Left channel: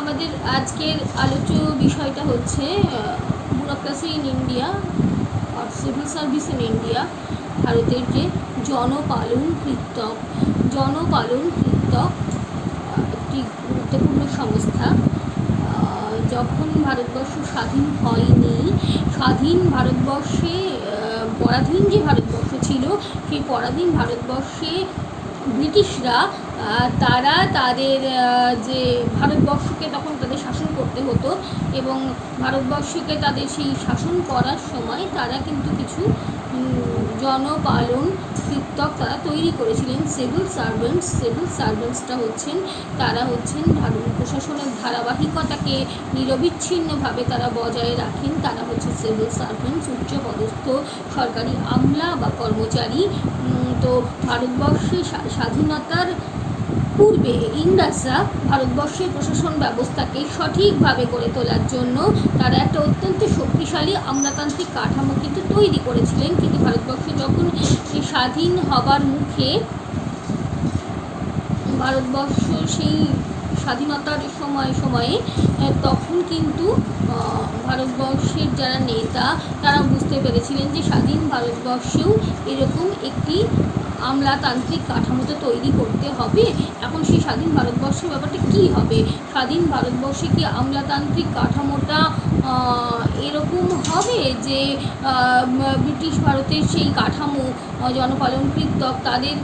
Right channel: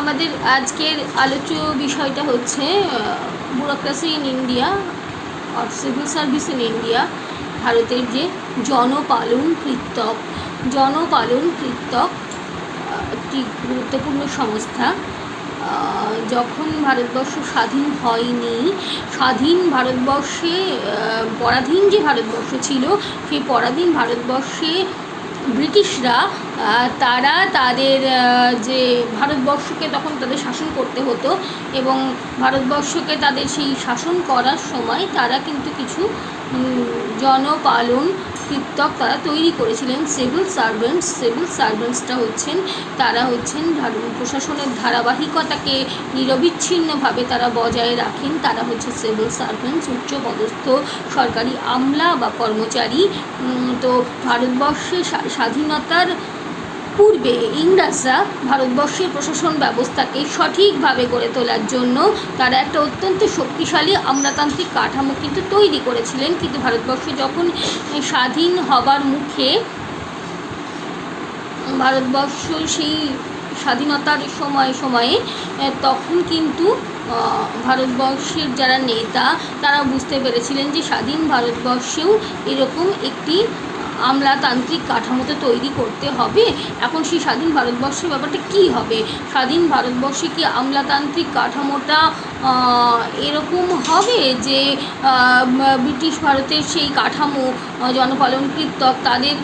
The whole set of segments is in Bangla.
আমাদের আজকের আলোচ্য বিষয়টা হচ্ছে bureaucracy in India or civil service in India. ভারতের যে জনপালন কৃত্তক একটি গুরুত্বপূর্ণ সংস্থা। যখন ভারতবর্ষ স্বাধীন হয়নি, স্বাধীন ভারতবর্ষে পরাধীন যে ভারতবর্ষ ছিল, সেই পরাধীন ভারতবর্ষে ব্রিটিশরা তারা তাদের যে ভারতবর্ষকে তখন তাদের শাসন করতে হতো, এবং ভারতবর্ষকে তাদের সেই শাসন করার সময় তারা কিন্তু কিছু জনপালন কৃত্তক তারা তৈরি করেছিলেন। সিভিল সার্ভেন্টসটা তারা হচ্ছেন প্রশাসনের ধারাবাহিকতাকে নিরবিচ্ছিন্নভাবে তারা বজায় রাখেন। তারা হচ্ছে সিভিল সার্ভেন্টস, উচ্চপদস্থ সরকারি আমলা বা কর্মচারী। তো ভারতবর্ষে স্বাধীনতার পূর্বে ইংরেজরা ভারতবর্ষের প্রশাসন ব্যবস্থাকে সঠিকভাবে গড়ে তোলার জন্য তারা একটা অত্যন্ত শক্তিশালী আমলাতান্ত্রিক কাঠামো কিন্তু তৈরি করেছিলেন। কিন্তু ভারতবর্ষ যখন স্বাধীন হবার মুখে, ভারতবর্ষ সেই স্বাধীনতার সময়ে তখন কিন্তু ভারতবর্ষের যারা নেতা তারা বুঝতে পেরেছিলেন যে স্বাধীন ভারতবর্ষেও এরকম একটি আমলাতান্ত্রিক কাঠামো তো তৈরি করতে হবে। এখন সেই স্বাধীন ভারতবর্ষের ব্যাপারটা কী হবে? স্বাধীন ভারতবর্ষে কি আমলাতান্ত্রিক কাঠামোটা এরকম হবে যে ব্রিটিশ ভারতের সেই কাঠামো জনপালন কৃত্তক তাদের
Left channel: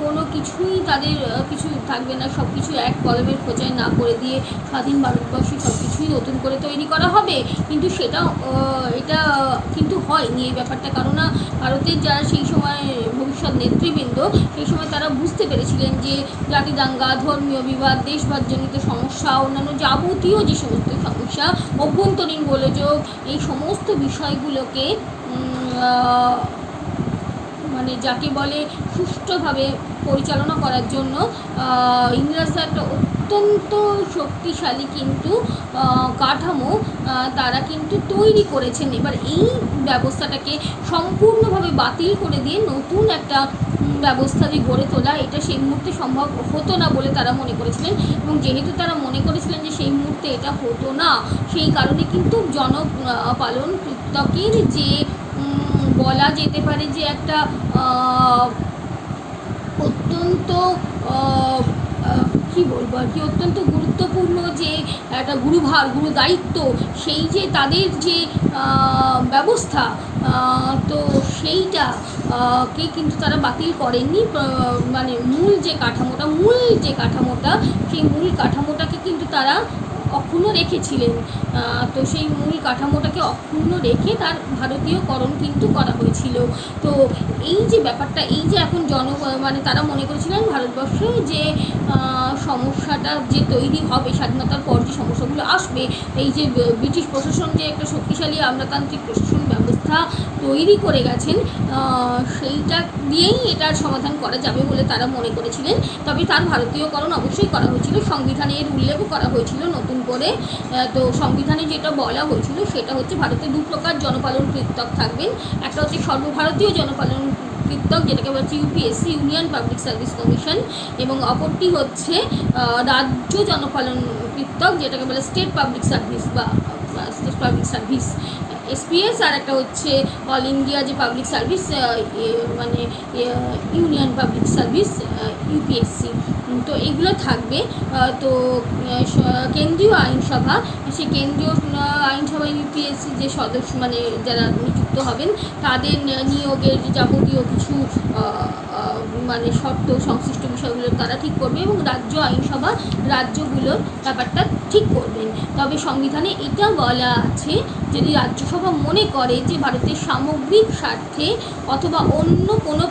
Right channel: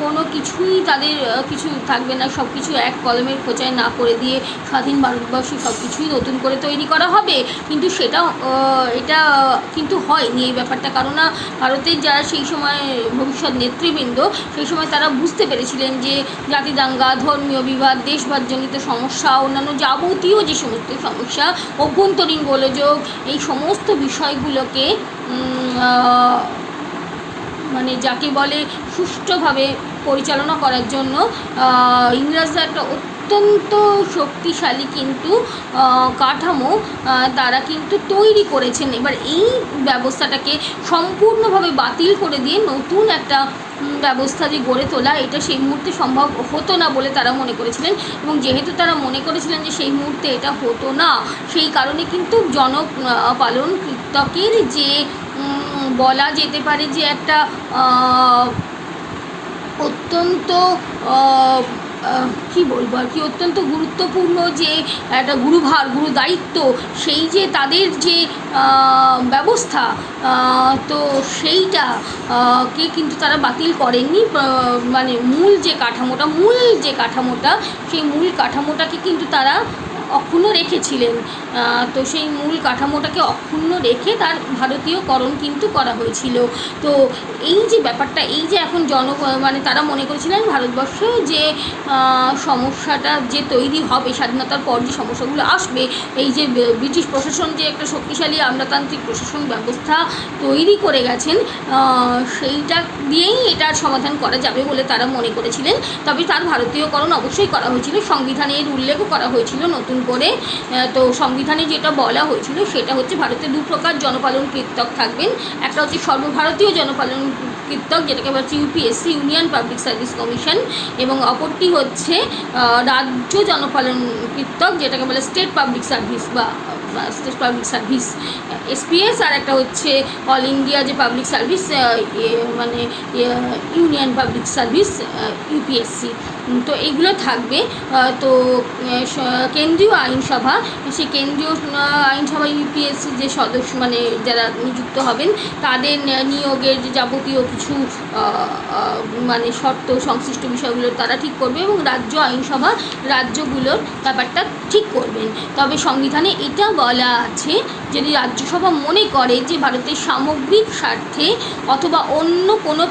কোনো কিছুই তাদের কিছু থাকবে না, সব কিছু এক কলমের খোঁচায় না করে দিয়ে স্বাধীন ভারতবর্ষে সব কিছুই নতুন করে তৈরি করা হবে? কিন্তু এটা কিন্তু হয়নি এই ব্যাপারটা। কারণ ভারতের যারা সেই সময় ভবিষ্যৎ নেতৃবৃন্দ, সেই সময় তারা বুঝতে পেরেছিলেন যে জাতি দাঙ্গা, ধর্মীয় বিবাদ, দেশভাগজনিত সমস্যা, অন্যান্য যাবতীয় যে সমস্ত সমস্যা, অভ্যন্তরীণ গোলযোগ, এই সমস্ত বিষয়গুলোকে মানে যাকে বলে সুষ্ঠুভাবে পরিচালনা করার জন্য ইংরেজরা একটা অত্যন্ত শক্তিশালী কিন্তু কাঠামো তারা কিন্তু তৈরি করেছেন। এবার এই ব্যবস্থাটাকে সম্পূর্ণভাবে বাতিল করে দিয়ে নতুন একটা ব্যবস্থা দিয়ে গড়ে তোলা, এটা সেই মুহূর্তে সম্ভব হতো না বলে তারা মনে করেছিলেন। এবং যেহেতু তারা মনে করেছিলেন যে সেই মুহূর্তে এটা হতো না, সেই কারণে কিন্তু জনপালন কৃত্তকের যে বলা যেতে পারে যে একটা অত্যন্ত কী বলবো আর কি, অত্যন্ত গুরুত্বপূর্ণ যে একটা গুরু দায়িত্ব, সেই যে তাদের যে ব্যবস্থা, তো সেইটাকে কিন্তু তারা বাতিল করেননি। মানে মূল যে কাঠামোটা সেই মূল কাঠামোটাকে কিন্তু তারা অক্ষুণ্ণ রেখেছিলেন। তো সেই মূল কাঠামোটাকে অক্ষুণ্ণ রেখে তার ভারতীয়করণ কিন্তু করা হয়েছিল। তো এই যে ব্যাপারটা, এই যে এখন মানে তারা মনে করেছিলেন ভারতবর্ষে যে সমস্যাটা যে তৈরি হবে স্বাধীনতার পর, যে সমস্যাগুলো আসবে, এই যে ব্রিটিশ প্রশাসন যে একটা শক্তিশালী আমলাতান্ত্রিক প্রশাসন ব্যবস্থা তৈরি করে গেছেন, সেইটা দিয়েই এটার সমাধান করা যাবে বলে তারা মনে করেছিলেন। তবে তার ভারতীয়করণ অবশ্যই করা হয়েছিল, সংবিধানের উল্লেখও করা হয়েছিল নতুন করে। তো সংবিধানে যেটা বলা হয়েছিল সেটা হচ্ছে ভারতে দু প্রকার জনপালন কৃত্তক থাকবেন। একটা হচ্ছে সর্বভারতীয় জনপালন কৃত্তক, যেটাকে বলা হচ্ছে UPSC, union public service commission, এবং অপরটি হচ্ছে রাজ্য জনপালন কৃত্তক, যেটাকে বলে স্টেট পাবলিক সার্ভিস এসপিএস। আর একটা হচ্ছে অল ইন্ডিয়া যে পাবলিক সার্ভিস, মানে ইউনিয়ন পাবলিক সার্ভিস ইউপিএসসি। তো এইগুলো থাকবে। তো কেন্দ্রীয় আইনসভা, সেই কেন্দ্রীয় আইনসভা ইউপিএসসি যে সদস্য মানে যারা নিযুক্ত হবেন, তাদের নিয়োগের যে যাবতীয় কিছু মানে শর্ত সংশ্লিষ্ট বিষয়গুলো তারা ঠিক করবে, এবং রাজ্য আইনসভা রাজ্যগুলোর ব্যাপারটা ঠিক করবেন। তবে সংবিধানে এটা বলা আছে, যদি রাজ্যসভা মনে করে যে ভারতের সামগ্রিক স্বার্থে অথবা অন্য কোনো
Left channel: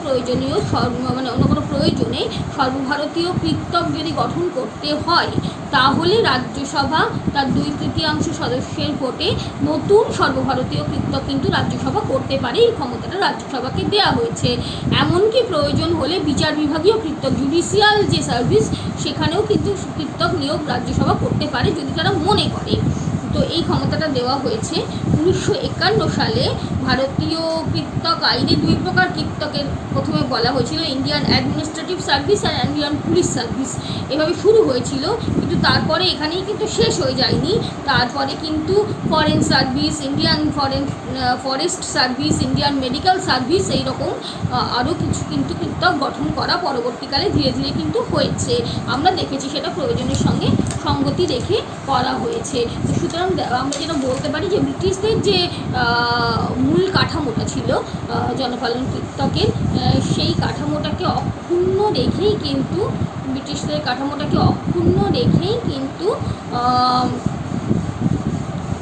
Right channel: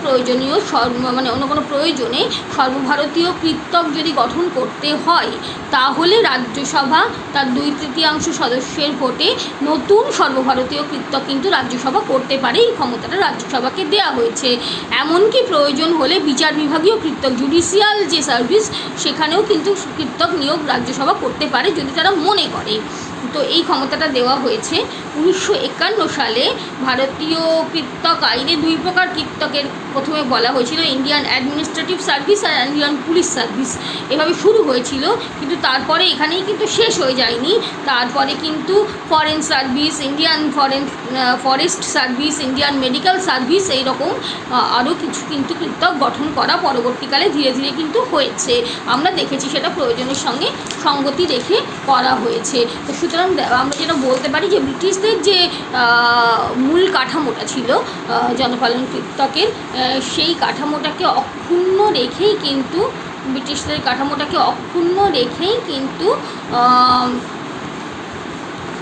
প্রয়োজনে সর্বভারতীয় কৃত্তক যদি গঠন করতে হয়, তাহলে রাজ্যসভা তার 2/3 সদস্যের ভোটে নতুন সর্বভারতীয় কৃত্তক কিন্তু রাজ্যসভা করতে পারে। এই ক্ষমতাটা রাজ্যসভাকে দেওয়া হয়েছে। এমনকি প্রয়োজন হলে বিচার বিভাগীয় কৃত্তক, জুডিশিয়াল যে সার্ভিস, সেখানেও কিন্তু কৃত্তক নিয়োগ রাজ্যসভা করতে পারে যদি তারা মনে করে। তো এই ক্ষমতাটা দেওয়া হয়েছে 1951 সালে। ভারতীয় কৃত্তক আইনে দুই প্রকার কৃত্তকের প্রথমে বলা হয়েছিল, ইন্ডিয়ান অ্যাডমিনিস্ট্রেটিভ সার্ভিস আর ইন্ডিয়ান পুলিশ সার্ভিস, এভাবে শুরু হয়েছিল। কিন্তু তারপরে এখানেই কিন্তু শেষ হয়ে যায়নি, তারপরে কিন্তু foreign service, Indian forest service, Indian medical service, এইরকম আরও কিছু কিন্তু কৃত্তক গঠন করা পরবর্তীকালে ধীরে ধীরে কিন্তু হয়েছে। আমরা দেখেছি সেটা প্রয়োজনের সঙ্গে সঙ্গতি রেখে করা হয়েছে। তো সুতরাং আমরা যেটা বলতে পারি যে ব্রিটিশদের যে মূল কাঠামোটা ছিল জনপালন কৃত্তকের, সেই কাঠামোটাকে অক্ষুণ্ণ রেখেই কিন্তু ব্রিটিশদের কাঠামোটাকে অক্ষুণ্ণ রেখেই কিন্তু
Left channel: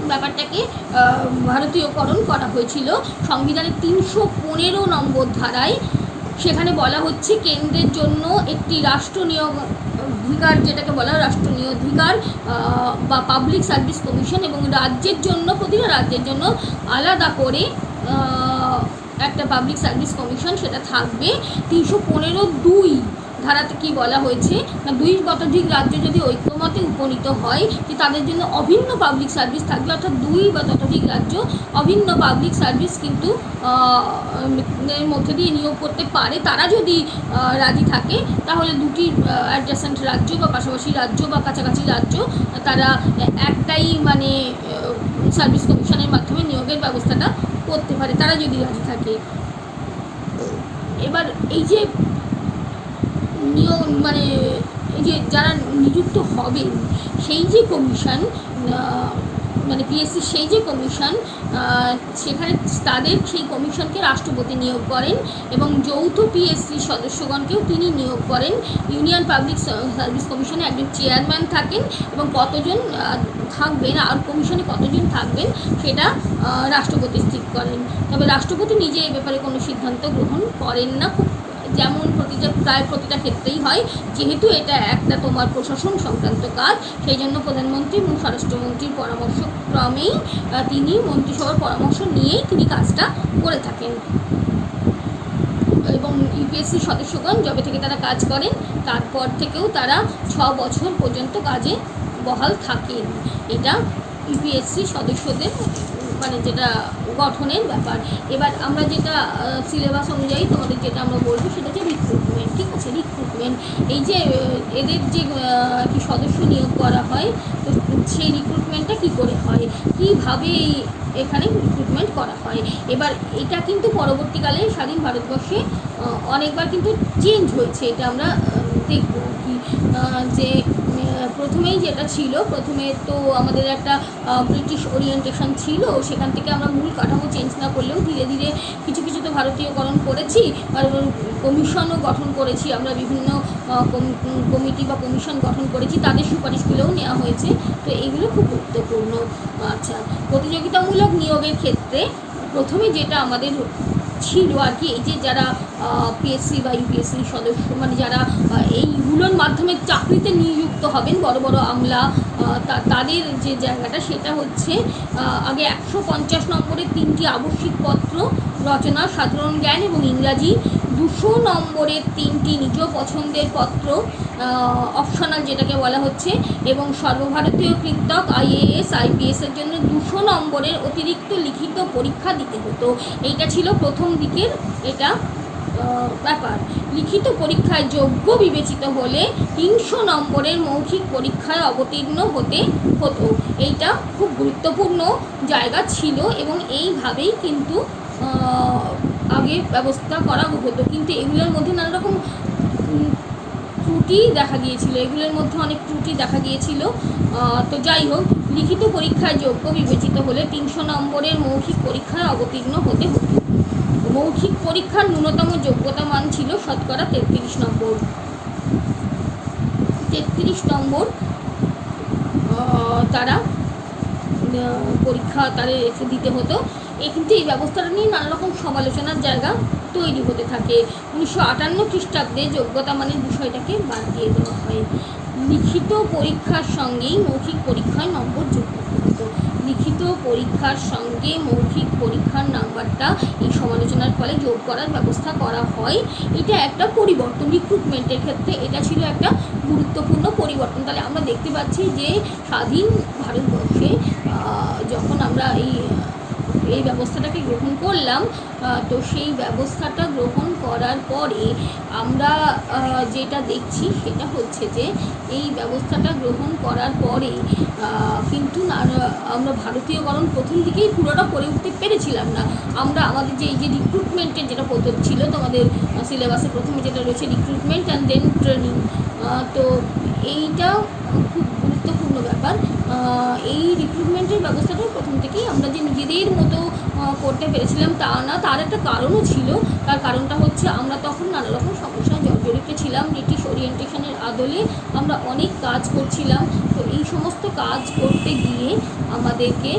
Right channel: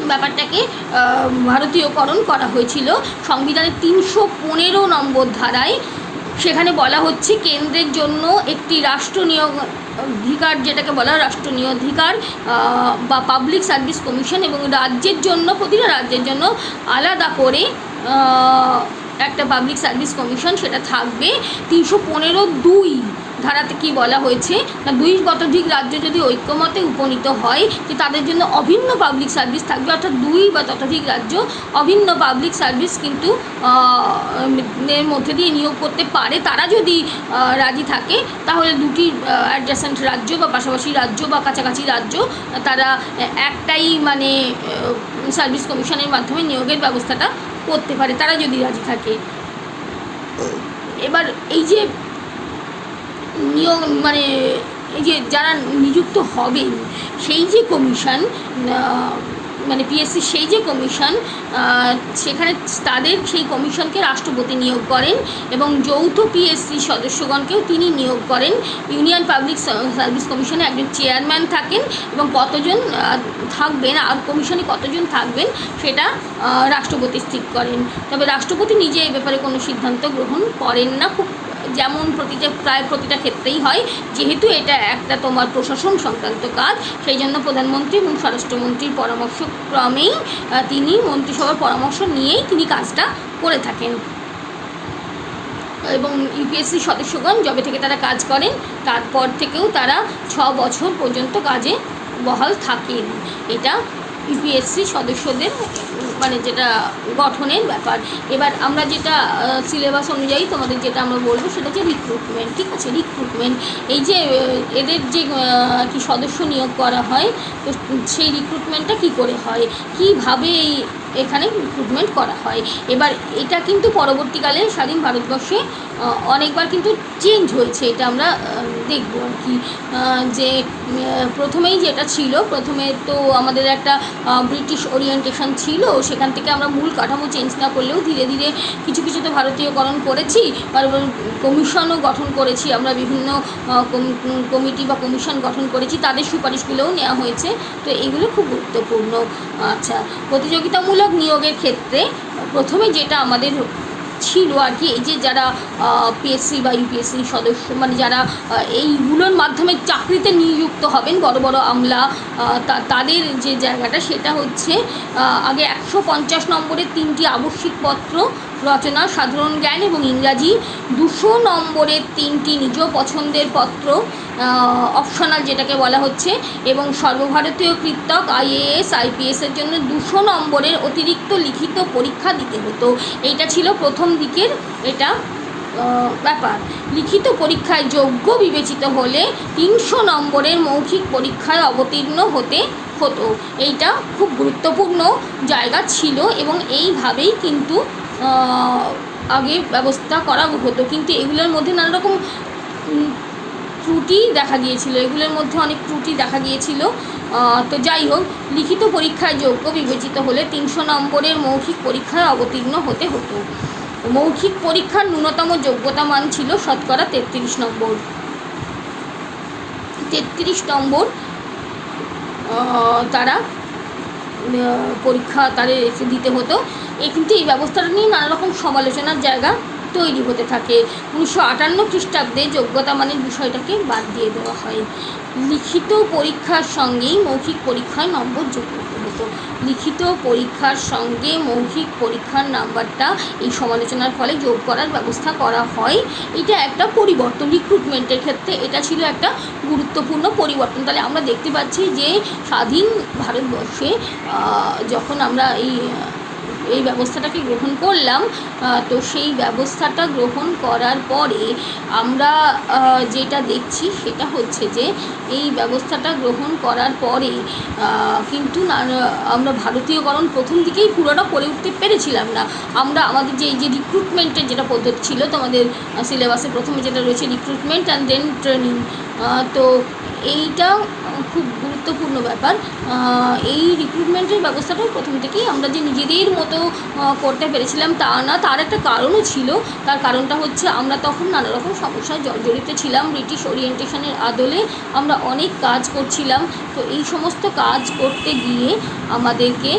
ব্যাপারটাকে ভারতীয়করণ করা হয়েছিল। সংবিধানের 315 নম্বর ধারায় সেখানে বলা হচ্ছে কেন্দ্রের জন্য একটি রাষ্ট্র নিয়োগ অধিকার, যেটাকে বলা হয় রাষ্ট্র নিয়োগাধিকার বা পাবলিক সার্ভিস কমিশন, এবং রাজ্যের জন্য প্রতিটা রাজ্যের জন্য আলাদা করে একটা পাবলিক সার্ভিস কমিশন সেটা থাকবে। 315(2) ধারাতে কি বলা হয়েছে না, 2 শতাধিক রাজ্য যদি ঐক্যমতে উপনীত হয় যে তাদের জন্য অভিন্ন পাবলিক সার্ভিস থাকবে, অর্থাৎ 2 বা ততোধিক রাজ্য অভিন্ন পাবলিক সার্ভিস কিন্তু এর মধ্যে দিয়ে নিয়োগ করতে পারে। তারা যদি রাজি থাকে তাহলে দুটি অ্যাডজাসেন্ট রাজ্য বা পাশাপাশি রাজ্য বা কাছাকাছি রাজ্য তারা একটাই মানে সার্ভিস কমিশনের মাধ্যমে নিয়োগের ব্যবস্থাটা করতে পারে, তারা যদি রাজি থাকে। এবার এই যে নিয়োগ মানে এই যে যারা নিযুক্ত হবেন সেই যে কমিশন মানে পিএসসি সেই যে কমিশন, সেখানে তাদের সেই কমিশনকে রাষ্ট্রপতি নিয়োগ করেন এবং যৌথ পিএসসি সদস্যগণকেও তিনি নিয়োগ করেন। ইউনিয়ন পাবলিক সার্ভিস কমিশনে একজন চেয়ারম্যান থাকেন এবং কতজন থাকবেন আর কমিশনে কতজন থাকবেন সেটা রাষ্ট্রপতি স্থির করেন। তবে রাষ্ট্রপতি নিজে এই ব্যাপারে কোনো সিদ্ধান্ত গ্রহণ করেন না, খুব যেমন প্রায় প্রতিটা ক্ষেত্রেই হয়। যেহেতু এটা একটা তোমার প্রশাসন সংক্রান্ত কাজ, সেই জন্য প্রধানমন্ত্রী এবং স্বরাষ্ট্রমন্ত্রীর পরামর্শক্রমেই তিনি মন্ত্রিসভার পরামর্শ নিয়েই তিনি কাজটা করে থাকেন। এবং ইউপিএসসি সদস্যগণ যবে থেকে তারা কাজ করেন তারপর থেকেও তারা 6 বছর পর্যন্ত কাজে বহাল থাকেন। এটা ইউপিএসসি সদস্যদের মানে যেটা গঠনের ব্যাপার। এবার আমরা যেটা সিলেবাস অনুযায়ী তোমাদের যেটা আমরা বলবো সেটা হচ্ছে রিক্রুটমেন্ট। ঠিক আছে, রিক্রুটমেন্ট এই যে এদের যে কি সদস্য নিয়োগ করা হয়, তো সেই রিক্রুটমেন্টটা কি করে হয়, কিভাবে এখানে রিক্রুটমেন্ট করা হয়। এবার এটা কিন্তু পরবর্তীকালে স্বাধীন ভারতবর্ষে অনেকবার কিন্তু চেঞ্জ হয়েছে, এটা আমরা দেখবো আর কি। যে প্রথমেই যেটা ছিল, প্রথমে তো আমাদের একটা ব্রিটিশ ওরিয়েন্টেশন ছিল, সেখান থেকে আমরা মূল কাঠামো চেঞ্জ না করলেও ধীরে ধীরে কিছু কিছু তো ভারতীয়করণ করেছি, আর কমিশনও গঠন করেছি আমরা, বিভিন্ন কমিটি বা কমিশন গঠন করেছি, তাদের সুপারিশগুলোও নেওয়া হয়েছে। তো এগুলো খুব গুরুত্বপূর্ণ। আচ্ছা, প্রতিযোগিতামূলক নিয়োগের ক্ষেত্রে প্রথমে যেটা আমাদের ছিল আর কি, এই যে যারা পিএসসি বা ইউপিএসসি সদস্য মানে যারা এইগুলোর মাধ্যমে চাকরিতে নিযুক্ত হবেন, বড় বড় আমলা, তাদের যে জায়গাটা সেটা হচ্ছে আগে 150 নম্বরের 3টি আবশ্যিক পত্র রচনা, সাধারণ জ্ঞান এবং ইংরাজি, 200 নম্বরের 3টি নিজ পছন্দের পত্র অপশনাল যেটাকে বলা হচ্ছে, এবং সর্বভারতীয় কৃত্তক আইএএস আইপিএসের জন্য 200 নম্বরের অতিরিক্ত লিখিত পরীক্ষা দিতে হতো। এইটা ছিল প্রথম দিকের এটা ব্যাপার। লিখিত পরীক্ষায় যোগ্য বিবেচিত হলে 300 নম্বরের মৌখিক পরীক্ষায় অবতীর্ণ হতে হতো। এইটা খুব গুরুত্বপূর্ণ জায়গা ছিল এবং এইভাবেই কিন্তু আগে ব্যবস্থা করা হতো। কিন্তু এগুলোর মধ্যে নানা রকম ত্রুটি দেখা গিয়েছিল, এগুলোর মধ্যে অনেক ত্রুটি দেখা গিয়েছিল। তো যাই হোক, লিখিত পরীক্ষায় যোগ্য বিবেচিত হলে 300 নম্বরের মৌখিক পরীক্ষায় অবতীর্ণ হতে হতো। মৌখিক পরীক্ষার ন্যূনতম যোগ্যতা মান ছিল শতকরা 33 নম্বর। 33 নম্বর তারা পরীক্ষা তাদের দিতে হতো। কিন্তু এই ব্যবস্থাটা নিয়ে নানা রকম সমালোচনার জায়গা তৈরি হতে থাকে। 1958 খ্রিস্টাব্দে যোগ্যতা মানের বিষয়টাকে বাদ দিয়ে দেওয়া হয়। লিখিত পরীক্ষার সঙ্গেই মৌখিক পরীক্ষায় নম্বর যোগ করতে মতো। লিখিত পরীক্ষার সঙ্গে মৌখিক পরীক্ষার নাম্বারটা এই সমালোচনার ফলে যোগ করার ব্যবস্থা করা হয়। এটা একটা পরিবর্তন রিক্রুটমেন্টের ক্ষেত্রে, এটা ছিল একটা গুরুত্বপূর্ণ পরিবর্তন। তাহলে আমরা দেখতে পাচ্ছি যে স্বাধীন ভারতবর্ষে যখন আমরা এই ব্যবস্থাটাকে গ্রহণ করলাম, তো সেই ব্যবস্থাটা গ্রহণ করার পরে আমরা যেটা দেখছি সেটা হচ্ছে যে এই ব্যবস্থাটা গ্রহণ করার পরে কিন্তু আমরা ভারতীয়করণ প্রথম দিকেই পুরোটা করে উঠতে পেরেছিলাম না। আমরা আমাদের যে এই যে রিক্রুটমেন্টের যেটা পদ্ধতি ছিল, তোমাদের সিলেবাসে প্রথমে যেটা রয়েছে রিক্রুটমেন্ট অ্যান্ড দেন ট্রেনিং, তো এইটা খুব গুরুত্বপূর্ণ ব্যাপার। এই রিক্রুটমেন্টের ব্যবস্থাটা প্রথম থেকেই আমরা যে নিজেদের মতো করতে পেরেছিলাম তা না, তার একটা কারণও ছিল। তার কারণটা হচ্ছে আমরা তখন নানা রকম সমস্যায় জর্জরিত ছিলাম। ব্রিটিশ ওরিয়েন্টেশনের আদলে আমরা অনেক কাজ করছিলাম, তো এই সমস্ত কাজ করতে গিয়ে আমাদেরকে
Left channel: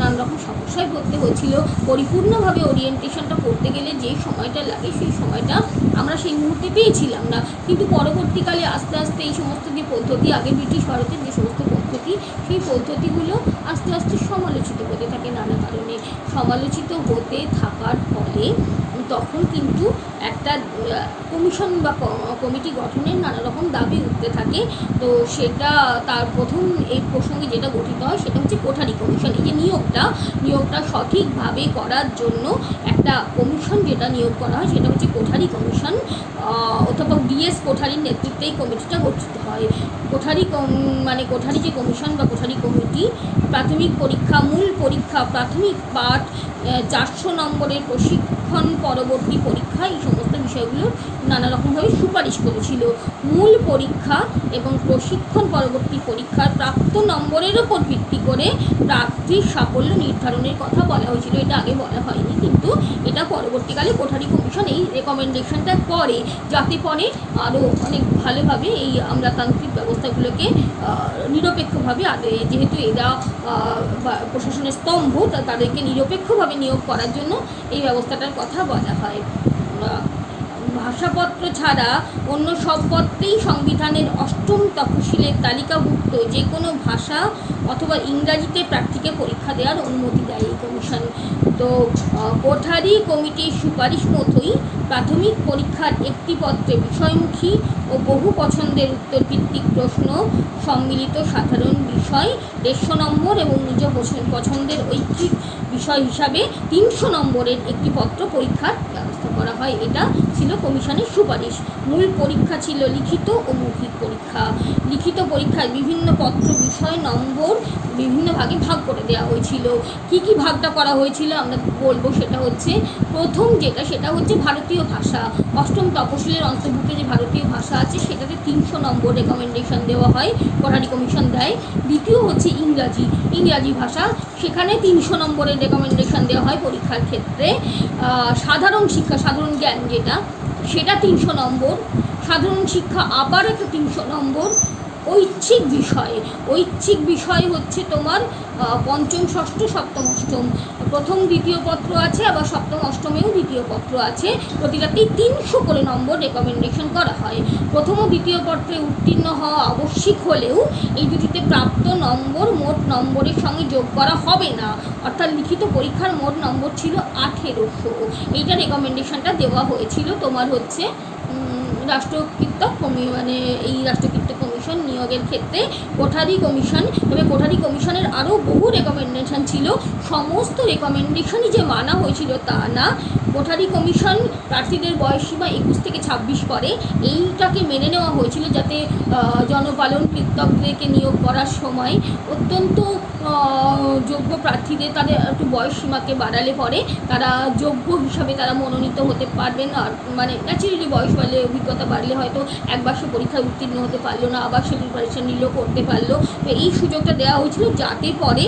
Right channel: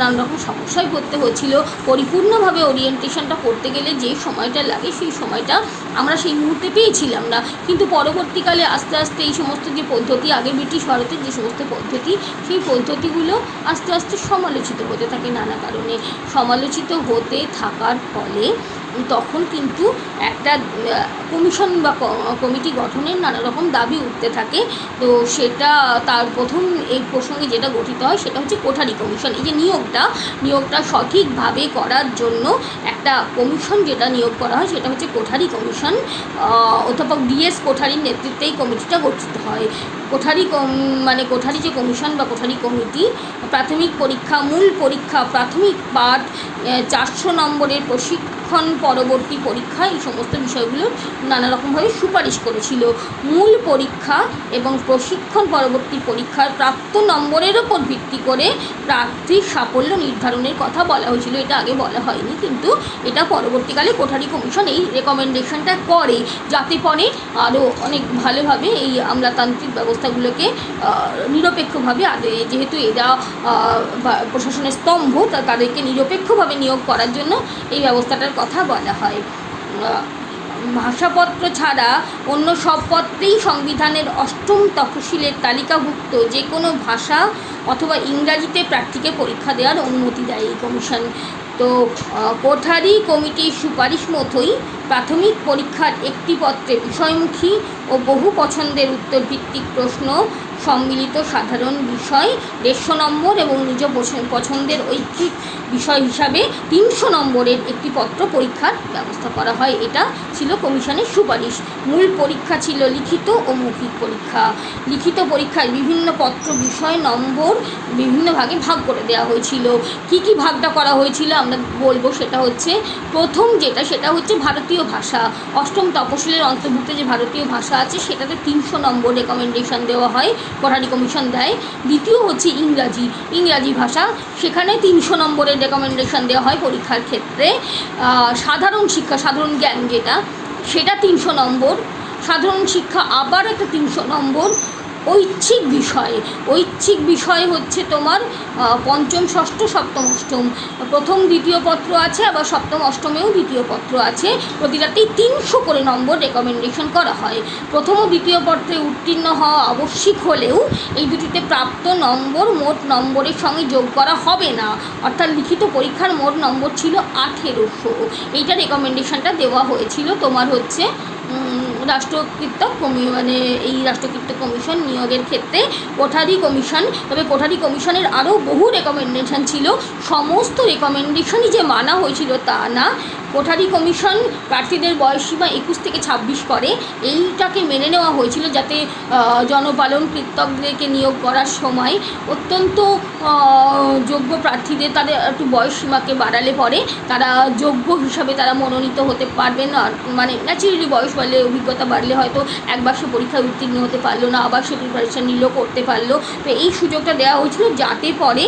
নানা রকম সমস্যায় পড়তে হচ্ছিল। পরিপূর্ণভাবে ওরিয়েন্টেশনটা করতে গেলে যে সময়টা লাগে সেই সময়টা আমরা সেই মুহূর্তে পেয়েছিলাম না। কিন্তু পরবর্তীকালে আস্তে আস্তে এই সমস্ত যে পদ্ধতি, আগে ব্রিটিশ ভারতের যে সমস্ত পদ্ধতি, সেই পদ্ধতিগুলো আস্তে আস্তে সমালোচিত হতে থাকে নানা কারণে। সমালোচিত হতে থাকার ফলে তখন কিন্তু একটা কমিশন বা কমিটি গঠনের নানা রকম দাবি উঠতে থাকে। তো সেটা তার প্রথম এই প্রসঙ্গে যেটা গঠিত হয় সেটা হচ্ছে কোঠারি কমিশন। এই যে নিয়োগটা সঠিকভাবে করার জন্য একটা কমিশন যেটা নিয়োগ করা হয় সেটা হচ্ছে কোঠারি কমিশন। অধ্যাপক ডিএস কোঠারির নেতৃত্বে এই কমিটিটা গঠিত হয়। কোঠারি যে কমিশন বা কোঠারি কমিটি প্রাথমিক পরীক্ষা, মূল পরীক্ষা, প্রাথমিক পাঠ, 400 নম্বরের প্রশিক্ষণ পরবর্তী পরীক্ষা, এই সমস্ত বিষয়গুলো নানা রকমভাবে সুপারিশ করেছিল। মূল পরীক্ষা এবং প্রশিক্ষণ পরবর্তী পরীক্ষার প্রাপ্ত নম্বরের ওপর ভিত্তি করে প্রার্থীর সাফল্য নির্ধারণের কথা বলা হয়েছিল। এটা আগে বলা হয়নি, কিন্তু এটা পরবর্তীকালে কোঠারি কমিশন এই রেকমেন্ডেশনটা করে, যাতে পরে আরও অনেক ভালোভাবে এই আমলাতান্ত্রিক ব্যবস্থাগুলোকে নিরপেক্ষভাবে, যেহেতু এরা প্রশাসনের স্তম্ভ, তাদেরকে নিরপেক্ষভাবে নিয়োগ করার জন্য এই ব্যবস্থাটার কথা বলা হয়। ভাষাপত্র ছাড়া অন্য সব পত্রেই সংবিধানের 8ম তফসিলের তালিকাভুক্ত যে কোনো ভাষা অথবা ইংরাজিতে প্রার্থীকে পরীক্ষা দেওয়ার অনুমতি দেয় এই কমিশন। তো কোঠারি কমিটির সুপারিশ মতোই প্রাথমিক পরীক্ষার একটি পত্রে বিষয়মুখী ও বহু পছন্দের উত্তরভিত্তিক প্রশ্ন সম্মিলিত সাধারণ বিষয় 150 নম্বর এবং নিজ পছন্দের ঐচ্ছিক বিষয় হিসাবে 300 নম্বরের একটি পত্র পরীক্ষার ব্যবস্থা করা হয়। এটা ছিল কমিশনের সুপারিশ। মূল পরীক্ষা ছিল লিখিত ও মৌখিক পরীক্ষা। লিখিত পরীক্ষায় বিভিন্ন পত্র বিষয় নম্বর বিভিন্ন ভাগে ভাগ করে দেওয়া হয়েছিল। কি ভাগটা করা হয়েছিল আমরা বলবো। সেটা হচ্ছে প্রথম সেটা হচ্ছে ভারতীয় ভাষা। 8ম তফসিলের অন্তর্ভুক্ত যে ভারতীয় ভাষা আছে সেটাতে 300 নম্বর রেকমেন্ডেশন দেওয়া হয়, কোঠারি কমিশন দেয়। দ্বিতীয় হচ্ছে ইংরাজি ভাষা, সেখানে 300 নম্বরের রেকমেন্ডেশন দেওয়া হয় পরীক্ষার ক্ষেত্রে। সাধারণ শিক্ষা, সাধারণ জ্ঞান সেটা 300 নম্বর। সাধারণ শিক্ষা আবার একটা 300 নম্বর। ঐচ্ছিক বিষয় হচ্ছে তোমার 5ম, 6ষ্ঠ, 7ম, 8ম, প্রথম দ্বিতীয় পত্র আছে, আবার 7ম, 8মেও দ্বিতীয় পত্র আছে। প্রতিটাতেই 300 করে নম্বর রেকমেন্ডেশন করা হয়। প্রথম ও দ্বিতীয় পত্রে উত্তীর্ণ হওয়া আবশ্যিক হলেও এই দুটিতে প্রাপ্ত নম্বর মোট নম্বরের সঙ্গে যোগ করা হবে না। অর্থাৎ লিখিত পরীক্ষার মোট নম্বর ছিল 1800। এইটা রেকমেন্ডেশনটা দেওয়া হয়েছিল তোমার হচ্ছে রাষ্ট্রকৃত এই রাষ্ট্রকৃত কমিশন নিয়োগের ক্ষেত্রে কোঠারি কমিশন। তবে কোঠারি কমিশনের আরও বহু রেকমেন্ডেশন ছিল। সমস্ত রেকমেন্ডেশনই যে মানা হয়েছিল তা না। কোঠারি কমিশন প্রার্থীদের বয়সসীমা 21 থেকে 26 করে। এইটাকে মেনে নেওয়া হয়েছিল যাতে জনপালন কৃতজ্ঞদেরকে নিয়োগ করার সময় অত্যন্ত যোগ্য প্রার্থীদের তাদের একটু বয়সসীমাকে বাড়ালে পরে তারা যোগ্য হিসাবে তারা মনোনীত হতে পারবেন না। ন্যাচারালি বয়স বাড়লে, অভিজ্ঞতা বাড়লে হয়তো একবার সে পরীক্ষায় উত্তীর্ণ হতে পারলো না, আবার সে প্রিপারেশন নিলেও করতে পারলো। তো এই সুযোগটা দেওয়া হয়েছিল যাতে পরে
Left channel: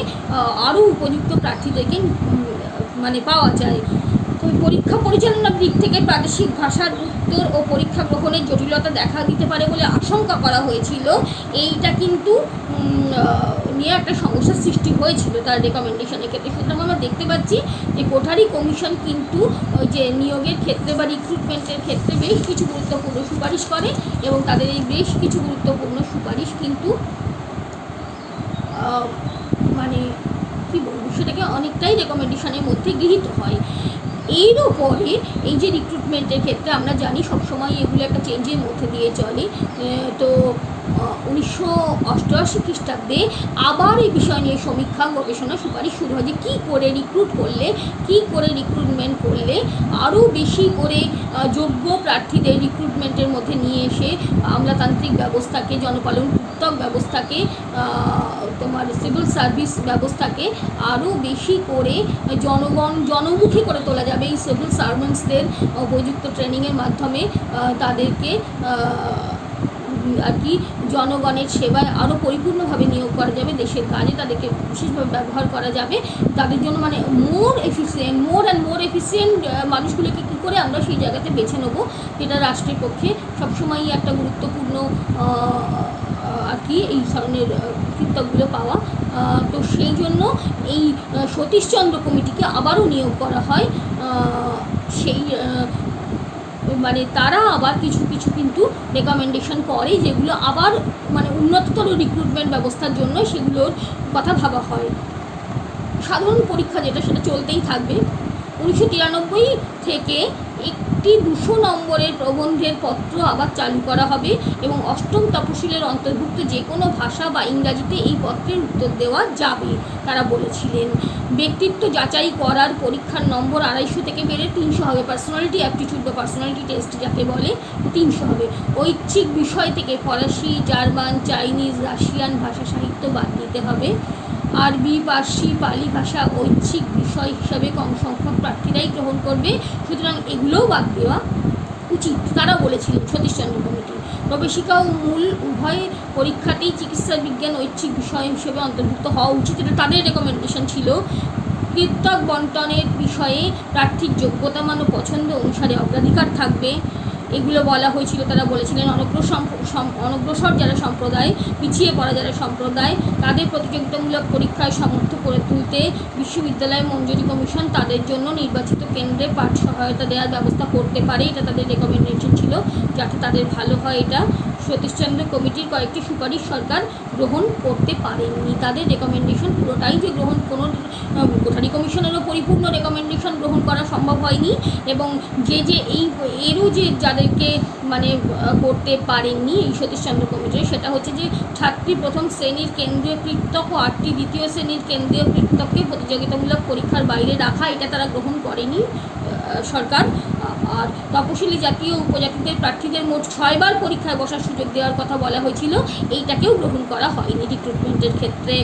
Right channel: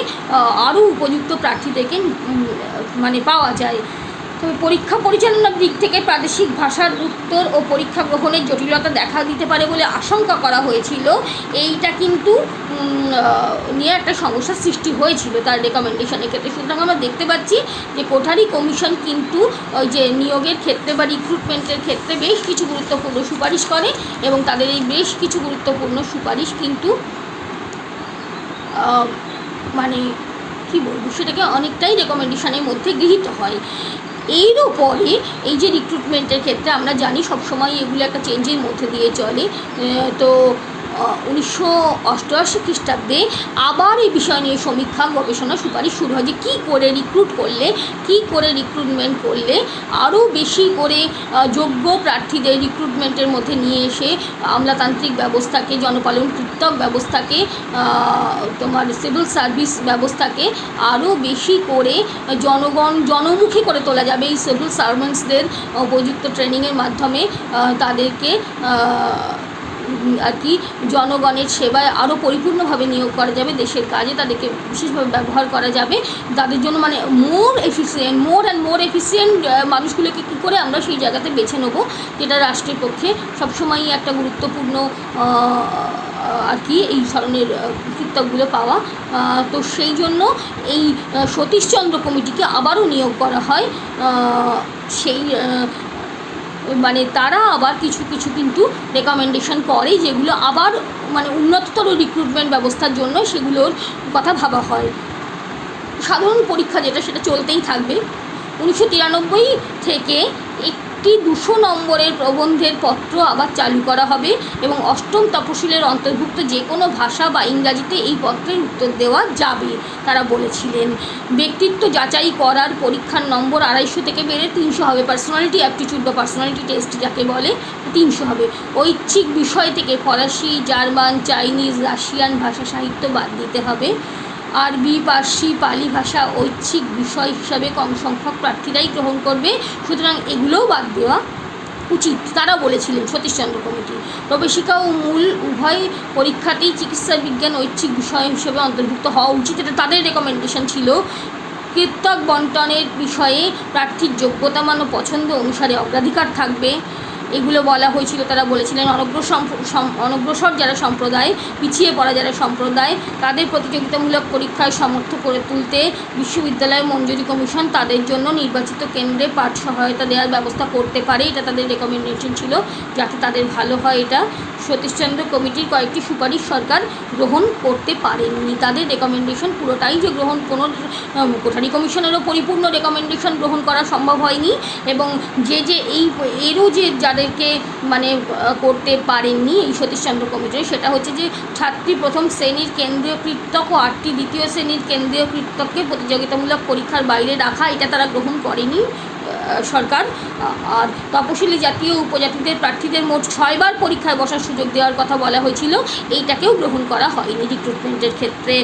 আরও উপযুক্ত প্রার্থীদেরকে পাওয়া যায়। তবে পরীক্ষা পরিচালনার দিক থেকে প্রাদেশিক ভাষার উত্তর ও পরীক্ষা গ্রহণের জটিলতা দেখা দিতে পারে বলে আশঙ্কা করা হয়েছিল। এইটা কিন্তু নিয়ে একটা সমস্যার সৃষ্টি হয়েছিল তার রেকমেন্ডেশনের ক্ষেত্রে। সুতরাং আমরা দেখতে পাচ্ছি যে কোঠারি কমিশন কিন্তু ওই যে নিয়োগের ক্ষেত্রে বা রিক্রুটমেন্টের ক্ষেত্রে বেশ কিছু গুরুত্বপূর্ণ সুপারিশ করে, এবং তাদের এই বেশ কিছু গুরুত্বপূর্ণ সুপারিশ কিন্তু মানে কী বলবো, সেটাকে অনেকটাই রেকমেন্ডেশনের মধ্যে গৃহীত হয়। এরও পরে এই যে রিক্রুটমেন্টের ক্ষেত্রে আমরা জানি সবসময় এগুলো একটা চেঞ্জের মধ্যে দিয়ে চলে। তো 1988 খ্রিস্টাব্দে আবার এই বিষয় নিয়ে সমীক্ষা গবেষণা সুপারিশ শুরু হয় যে কী করে রিক্রুট করলে, কী করে রিক্রুটমেন্ট করলে আরও বেশি করে যোগ্য প্রার্থীদের রিক্রুটমেন্টের মধ্যে নিয়ে এসে আমলাতান্ত্রিক ব্যবস্থাকে, জনপালন কৃতক ব্যবস্থাকে, তোমার সিভিল সার্ভিস ব্যবস্থাকে আরও বেশি করে জনমুখী করে তোলা যাবে। এই সিভিল সার্ভেন্টসদের উপযুক্ত ট্রেনিংয়ের মাধ্যমে তাদেরকে আর কি জনগণের সেবায় আরও পরিপূর্ণভাবে নিয়োগ করা যাবে, দেশের কাজে তাদেরকে বিশেষভাবে ব্যবহার করা যাবে। তাদের জন্য মানে মোর অ্যান্ড মোর এফিসিয়েন্ট মানুষগুলোকে কী করে আমরা সেই জায়গাতে বেছে নেবো, যেটা রাষ্ট্রের পক্ষে সবসময়ই একটা গুরুত্বপূর্ণ আর কি এই ধরনের কৃত্যকগুলো পাওয়া। তো সেই জন্য এই সতীশচন্দ্র কমিটিকে আবারও নিয়োগ করা হয়। সেই মানে তারা আবার কিছু কিছু কিন্তু রেকমেন্ডেশন করে, যেগুলো আবার মানে উন্নততর রিক্রুটমেন্ট ব্যবস্থার জন্য সেগুলোর কথা ভাবা হয়। সাধারণ পরীক্ষা যেটা, সেটা চলতেই থাকবে। 1993 থেকে একটি 200 নম্বরের প্রবন্ধের পত্র আবার চালু করা হবে এবং অষ্টম তপশিলের অন্তর্ভুক্ত যে কোনো ভাষা বা ইংরাজিতে এই পত্রের উত্তর দেওয়া যাবে, তারা বলেছিলেন। ব্যক্তিত্ব যাচাই করার পরীক্ষার নম্বর 250 থেকে বেড়ে 300 হবে। পার্সোনালিটি অ্যাপটিটিউড বা পার্সোনালিটি টেস্ট যাকে বলে, 300 হবে। ঐচ্ছিক বিষয় থেকে ফরাসি, জার্মান, চাইনিজ, রাশিয়ান ভাষা সাহিত্য বাদ দিতে হবে। আরবি, পার্সি, পালি ভাষা ঐচ্ছিক বিষয় হিসাবে কম সংখ্যক প্রার্থীরাই গ্রহণ করবে, সুতরাং এগুলোও বাদ দেওয়া উচিত, তারা বলেছিলেন সতীশচন্দ্র কমিটি। প্রবেশিকা ও মূল উভয় পরীক্ষাতেই চিকিৎসা বিজ্ঞান ঐচ্ছিক বিষয় হিসেবে অন্তর্ভুক্ত হওয়া উচিত, এটা তাদের রেকমেন্ডেশন ছিল। কৃতক বন্টনের বিষয়ে প্রার্থীর যোগ্যতা মান ও পছন্দ অনুসারে অগ্রাধিকার থাকবে, এগুলো বলা হয়েছিল। তারা বলেছিলেন অনগ্রসর যারা সম্প্রদায়, পিছিয়ে পড়া যারা সম্প্রদায়, তাদের প্রতিযোগিতামূলক পরীক্ষায় সমর্থ করে তুলতে বিশ্ববিদ্যালয় মঞ্জুরি কমিশন তাদের জন্য নির্বাচিত কেন্দ্রে পাঠ সহায়তা দেওয়ার ব্যবস্থা করতে পারে, এটা তাদের রেকমেন্ডেশন ছিল, যাতে তাদের ভালো হয়। এটা সতীশচন্দ্র কমিটির কয়েকটি সুপারিশ সরকার গ্রহণ করতে পারেননি। তাদের রেকমেন্ডেশন পুরোটাই যে গ্রহণ, কোনো কোঠারি কমিশনেরও পরিপূর্ণ রেকমেন্ডেশন গ্রহণ করা সম্ভব হয়নি, এবং এরও যে যাদেরকে মানে করতে পারেননি এই সতীশচন্দ্র কমিটির, সেটা হচ্ছে যে 7টি প্রথম শ্রেণীর কেন্দ্রীয় কৃতক ও 8টি দ্বিতীয় শ্রেণীর কেন্দ্রীয় কৃতককে প্রতিযোগিতামূলক পরীক্ষার বাইরে রাখা, এটা তারা গ্রহণ করেনি সরকার। আর তপশিলি জাতীয় উপজাতিদের প্রার্থীদের মোট 6 বার পরীক্ষায় বসার সুযোগ দেওয়ার কথা বলা হয়েছিল, এইটাকেও গ্রহণ করা হয়নি রিক্রুটমেন্টের ক্ষেত্রে।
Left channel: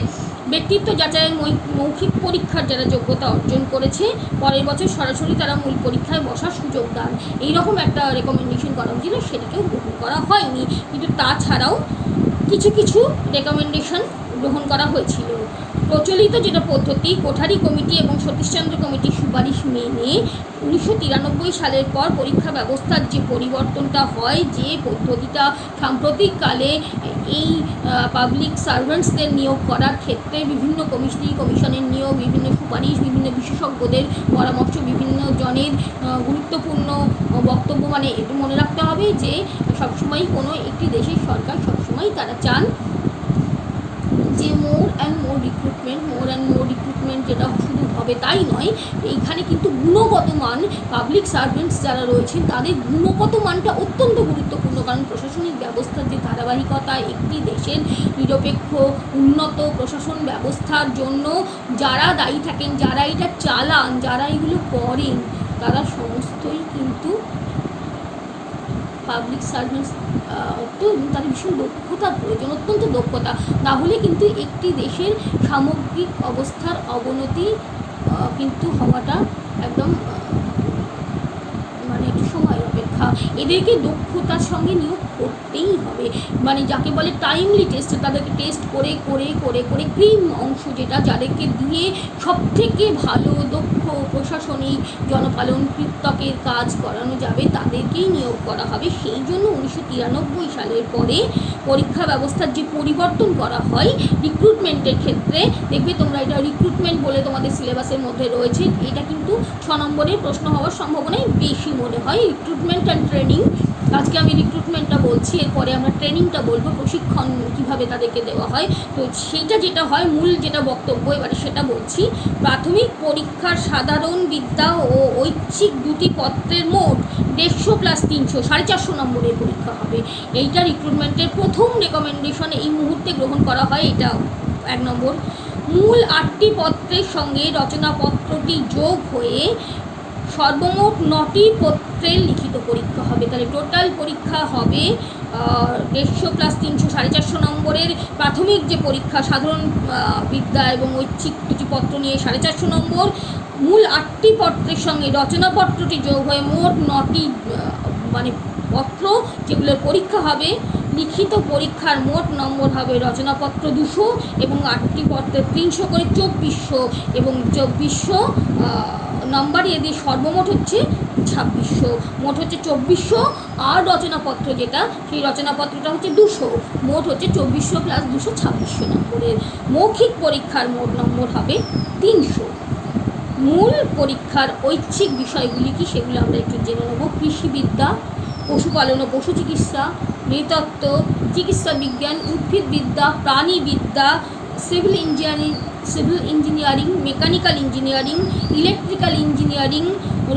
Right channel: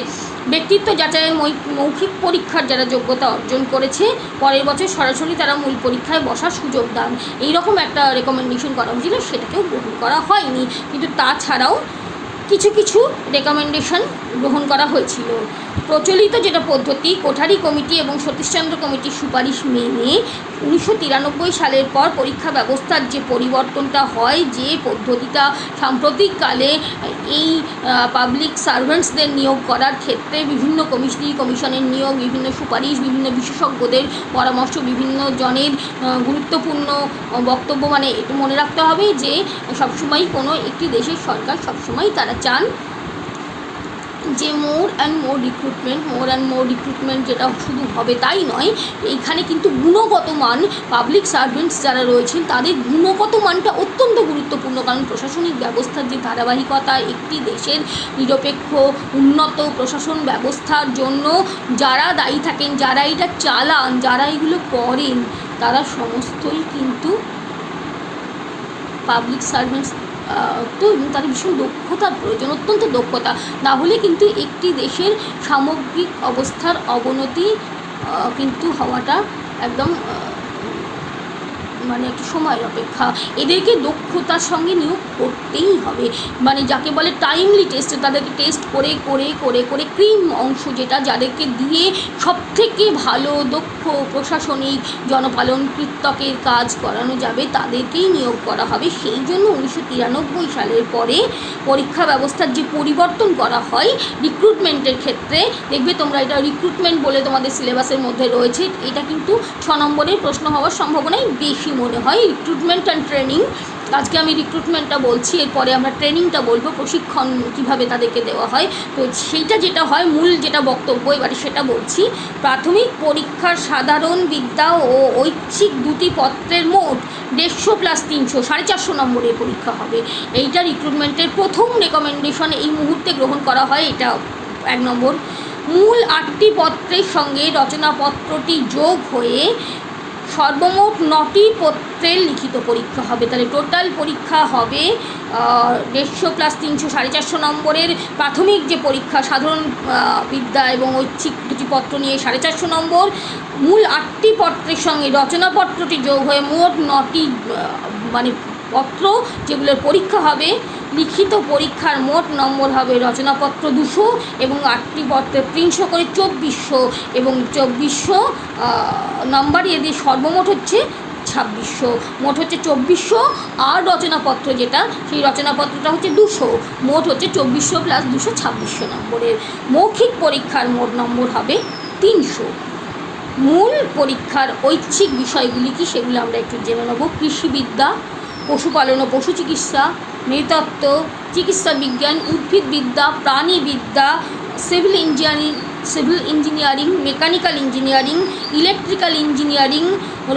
ব্যক্তিত্ব যাচাইয়ের মৌখিক পরীক্ষার যারা যোগ্যতা অর্জন করেছে, পরের বছর সরাসরি তারা মূল পরীক্ষায় বসার সুযোগ দান, এইরকম একটা রেকমেন্ডেশন করা হয়েছিল, সেটাকেও গ্রহণ করা হয়নি। কিন্তু তাছাড়াও কিছু কিছু রেকমেন্ডেশন গ্রহণ করা হয়েছিল। প্রচলিত যেটা পদ্ধতি, কোঠারি কমিটি এবং সতীশচন্দ্র কমিটির সুপারিশ মেনে 1993 সালের পর পরীক্ষা ব্যবস্থার যে পরিবর্তনটা হয়, যে পদ্ধতিটা সাম্প্রতিককালে এই পাবলিক সার্ভেন্টসদের নিয়োগ করার ক্ষেত্রে বিভিন্ন কমিশনের নিয়োগ, বিভিন্ন সুপারিশ, বিভিন্ন বিশেষজ্ঞদের পরামর্শ, বিভিন্ন জনের গুরুত্বপূর্ণ বক্তব্য, মানে একটু মনে রাখতে হবে যে সবসময় কোনো একটি দেশের সরকার সবসময় তারা চান যে মোর অ্যান্ড মোর রিক্রুটমেন্ট যেটা শুধু হবে তাই নয়, এইখানে কিন্তু গুণগত মান, পাবলিক সার্ভেন্টস যারা রয়েছেন তাদের গুণগত মানটা অত্যন্ত গুরুত্বপূর্ণ। কারণ প্রশাসনিক ব্যবস্থার যে ধারাবাহিকতা, একটি দেশের নিরপেক্ষ উন্নত প্রশাসন ব্যবস্থার জন্য যারা দায়ী থাকেন, যারা এটা চালান, যারা এগুলো করেন, তারা সমস্তই কিন্তু পাবলিক সার্ভেন্টস। তো তার ভীষণ দক্ষতার প্রয়োজন, অত্যন্ত দক্ষতা, না হলে কিন্তু একটি দেশের সামগ্রিক অবস্থার অবনতি কিন্তু হওয়াটা একদম মানে একটু সময়ের অপেক্ষা। এদেরকে দক্ষতার সঙ্গে নিয়োগ করতেই হবে, মানে যাকে বলে টাইমলি টেস্ট, তাদেরকে টেস্ট করে করে করে করে ক্রিম অংশ যেটা, যাদেরকে দিয়ে সবথেকে ভালো দক্ষ প্রশাসনিক জনপালন কৃতকের কাজ করানো যাবে, তাদেরকেই নিয়োগ করা হবে। সেই জন্য 1993 সালের পরে পরীক্ষা ব্যবস্থার যে পরিবর্তন করা হয় রিক্রুটমেন্টের ক্ষেত্রে, দেখবে তোমরা এটা রিক্রুটমেন্ট বলে তোমাদের সিলেবাসের মধ্যে রয়েছে, এটা কিন্তু 6 নম্বরের প্রশ্ন হওয়ার সম্ভাবনাই বেশি মনে হয়। রিক্রুটমেন্ট অ্যান্ড ট্রেনিং আজকে আমি রিক্রুটমেন্টটা বলছি, এরপরে আমরা ট্রেনিংটা বলবো, প্রশিক্ষণ কীভাবে তাদেরকে দেওয়া হয়। তো সেইটা যেটা হয়, মূল যেটা বক্তব্য এবারে সেটা বলছি। প্রাথমিক পরীক্ষার সাধারণ বিদ্যা ও ঐচ্ছিক দুটি পত্রের মোট 150 প্লাস 300 450 নম্বরের পরীক্ষা হবে। এইটা রিক্রুটমেন্টের প্রথম রেকমেন্ডেশন এই মুহূর্তে গ্রহণ করা হয়। এটা 1 নম্বর। মূল 8টি পত্রের সঙ্গে রচনাপত্রটি যোগ হয়ে সর্বমোট 9টি পত্রের লিখিত পরীক্ষা হবে। তাহলে টোটাল পরীক্ষা হবে 150 প্লাস 300 450 নম্বরের প্রাথমিক যে পরীক্ষা, সাধারণ বিদ্যা এবং ঐচ্ছিক দুটি পত্র নিয়ে 450 নম্বর। মূল 8টি পত্রের সঙ্গে রচনাপত্রটি যোগ হয়ে মোট 9টি মানে পত্র যেগুলোর পরীক্ষা হবে। লিখিত পরীক্ষার মোট নম্বর হবে রচনাপত্র 200 এবং 8টি পত্রে 300 করে 2400 এবং 2400 নাম্বার এদের সর্বমোট হচ্ছে 2600। মোট হচ্ছে 2400, আর রচনাপত্র যেটা, সেই রচনাপত্রটা হচ্ছে 200। মোট হচ্ছে 2400 প্লাস 200 2600 নম্বরের। মৌখিক পরীক্ষার মোট নম্বর হবে 300। মূল পরীক্ষার ঐচ্ছিক বিষয়গুলি কি সেগুলো আমরা একটু জেনে নেব। কৃষিবিদ্যা, পশুপালন ও পশু চিকিৎসা, নৃতত্ত্ব, চিকিৎসা বিজ্ঞান, উদ্ভিদবিদ্যা, প্রাণীবিদ্যা, civil engineering, mechanical engineering, electrical engineering,